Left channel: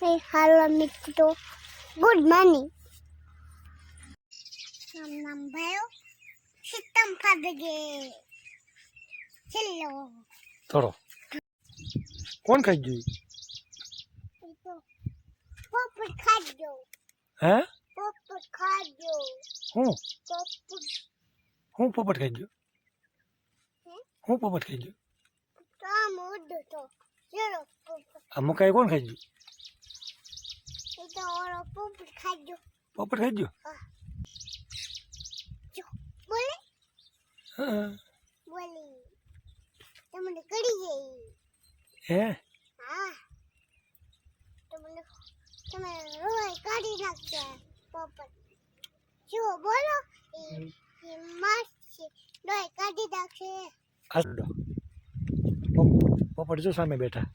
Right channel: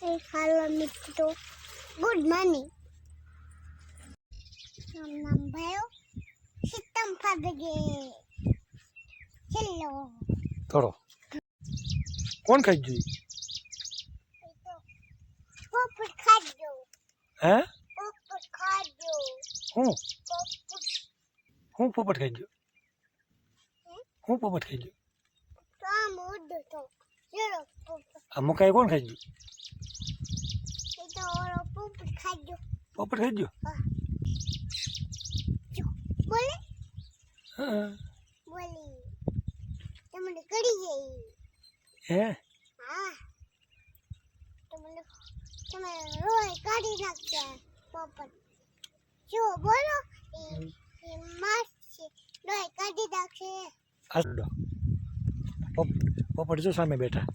Hello મિત્રો, good morning. નામ ભાઈઓ સિસ્ટમ ફાદગે ચલો થોડો કોણ ખાઈ ગયું? તો પોપટ ખાજો. હે પોપટ ખાજો. હું પોપટ પોપટ ખાઈ ગયો? હું પોપટ ખાઈ ગયો? તો આમ ઉડો તો ચલો પોપટ. આ મકાઈ કોણ ખાઈ ગયું? એ તો ઓરો પોપટ ખાજો. પોપટ ખાઈ ગયો? બોલે હા બોલી તમને કરી ગઈ. હે હા તમને તમે રોય કાઢી નાખશે પોપટ. જો બોલો એ મસ્ત છે, રોય કાઢી નાખશે. આડો પોપટ જો સામે બેઠા.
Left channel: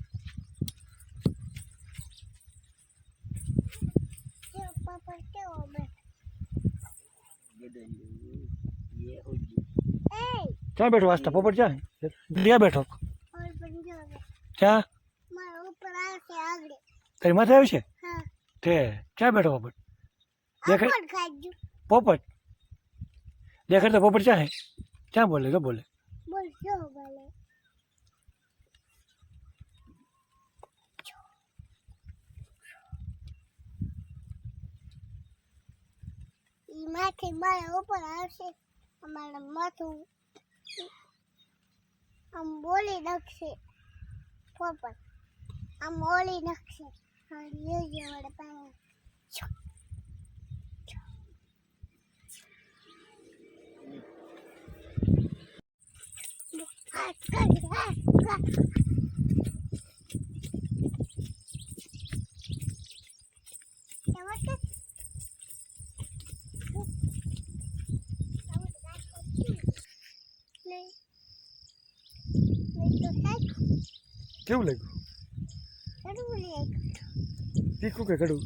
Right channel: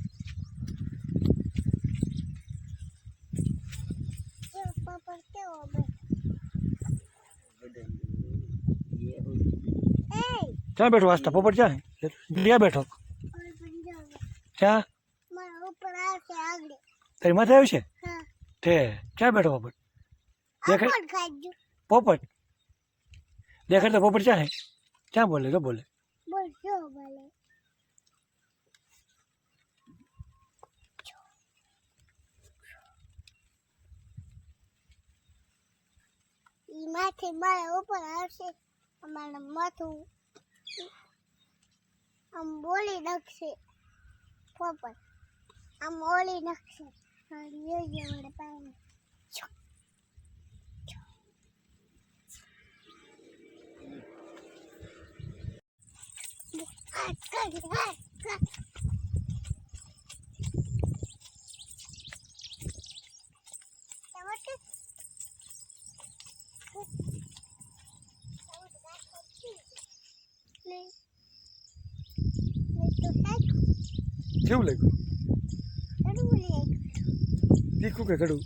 જો પોપટ કેવો બેઠો. એ ક્યાં બેઠો વાસ્તા? પોપટ ક્યાં ત્યાં બેઠો? ઓર પણ જો ક્યાં? મારા ઉપર આવશે આગળ. તારી માથે આવ્યું છે? હા તે ક્યાં બેઠો પોપટ? દેખાય આપણ ખાજો. પોપટ દેખાય તો પોપટ ક્યાં હે? ક્યાં બોલે? તો બોલે. બોલ જો બોલે. ઈ માથે મારા ઉપર આવશે. અમારા માથું આમ બોલી નાખશે પોપટ. આમ ઓલી નાખશે. અને એ જે વડે પાસે કેવું લાગ્યું? તીખું કે કડવું?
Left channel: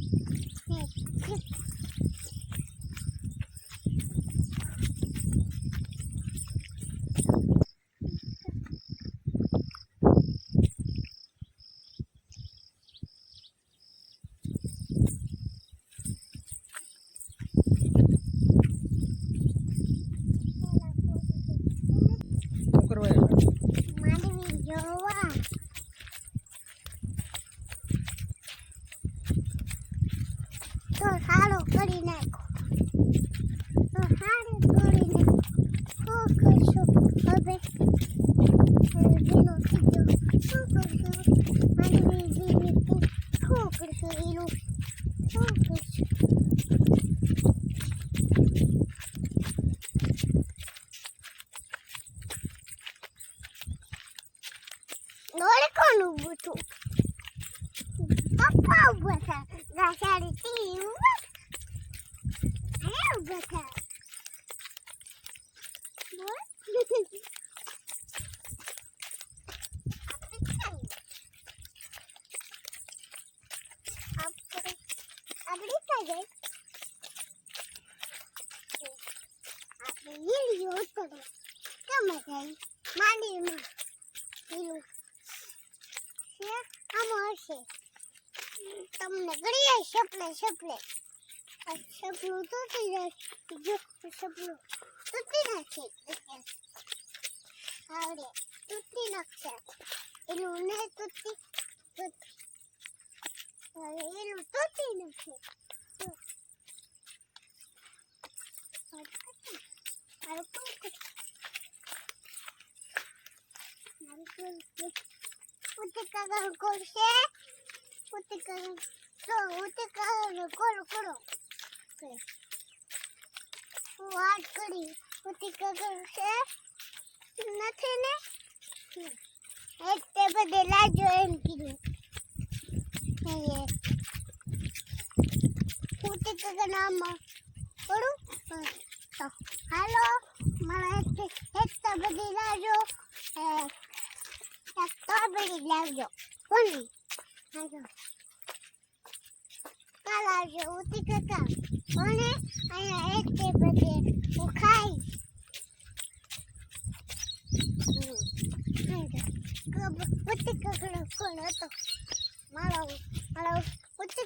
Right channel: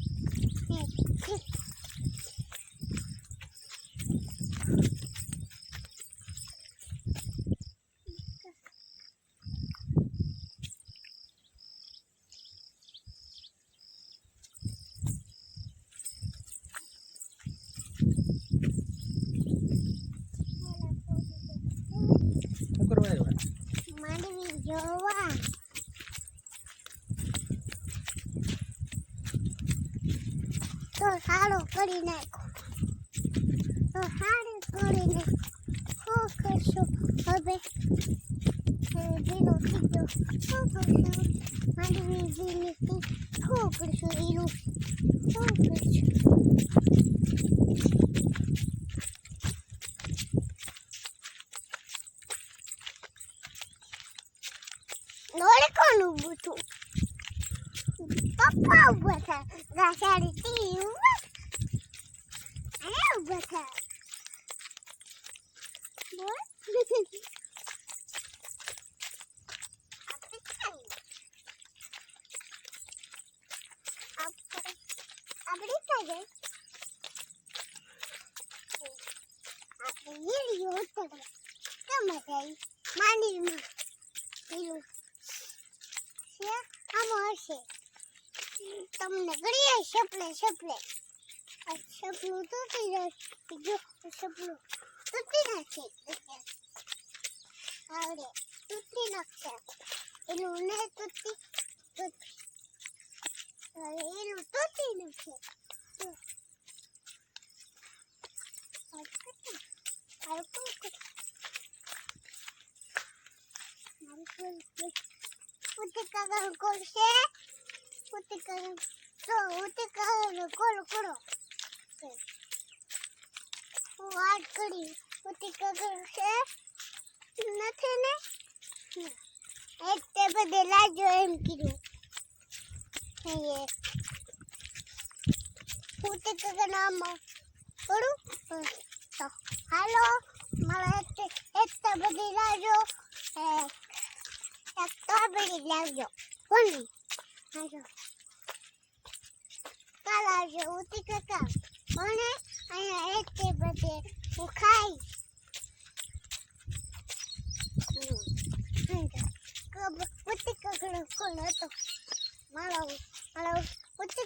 શું કરવા આવ્યા? માંડવી જોવા. તો સારો કરી નાખો. તો સારું કરી નાખો. શું કરશો હવે? ભીનો થઈ ગયો. શું કરશો? માંડવી ભીની થઈ. શું કરશો એનું? શું કરશો? નોળે કોણ ઊભું હતું? પપ્પા ઊભા હતા. ગાસાડી તી ઊભા. અહીંયા ઊભા હતા. બોલ. આપણી થાય આપણે ઈડીઓ ઉતરવા ગમે જાય માંડીમાં પેલું છે આમ હશે. તમને ઘડીએ સપને સપને આ સપનું તૂટી જશે. જો સપનું તૂટી નાખે આવડે તૂટી નાખશે. એનું ને તૂટી એનું તૂટી નાખે. ઉતિકા કરશે. ઉતિકા તો ઉતિકા કોલ કરો. હું વાત કરી ઉતિકા કરશે નથી ને એક તે બધે લાજો એમ કીધું. ઉતિકા નામ કરું તો હાલો મારા એક તે બધી લાજો. એક સ્ટ્રોબેરી લાવજો. કોની હાલો કાલ આવજો ઉતી કાકા. કોને અહીંયા એક તે બધે હું ખાઈશ. ઉતી કાકા કોણ હતો? મારો ઉતી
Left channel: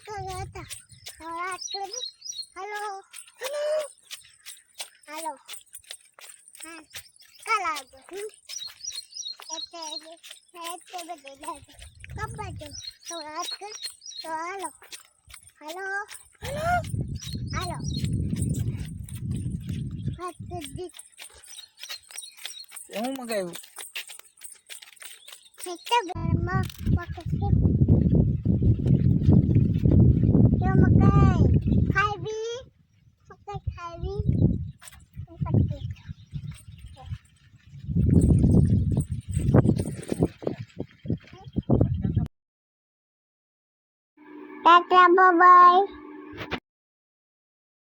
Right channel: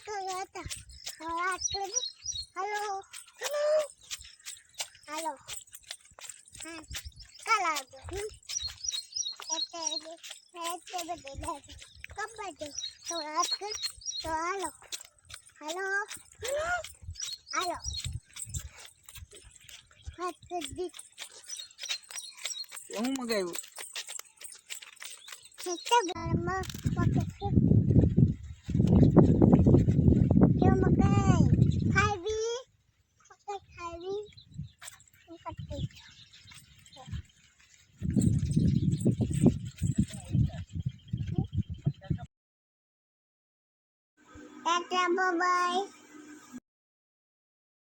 તે બધે લાગે ખબર છે તો હાથ કર તો હાલો હાલો હાલો હાથ કર દી હું મગાવ્યું સેટા ઘરમાં મકે કે મકાઈ ખાવી મકાઈ ખાવી પટ્ટી ટાટા બાય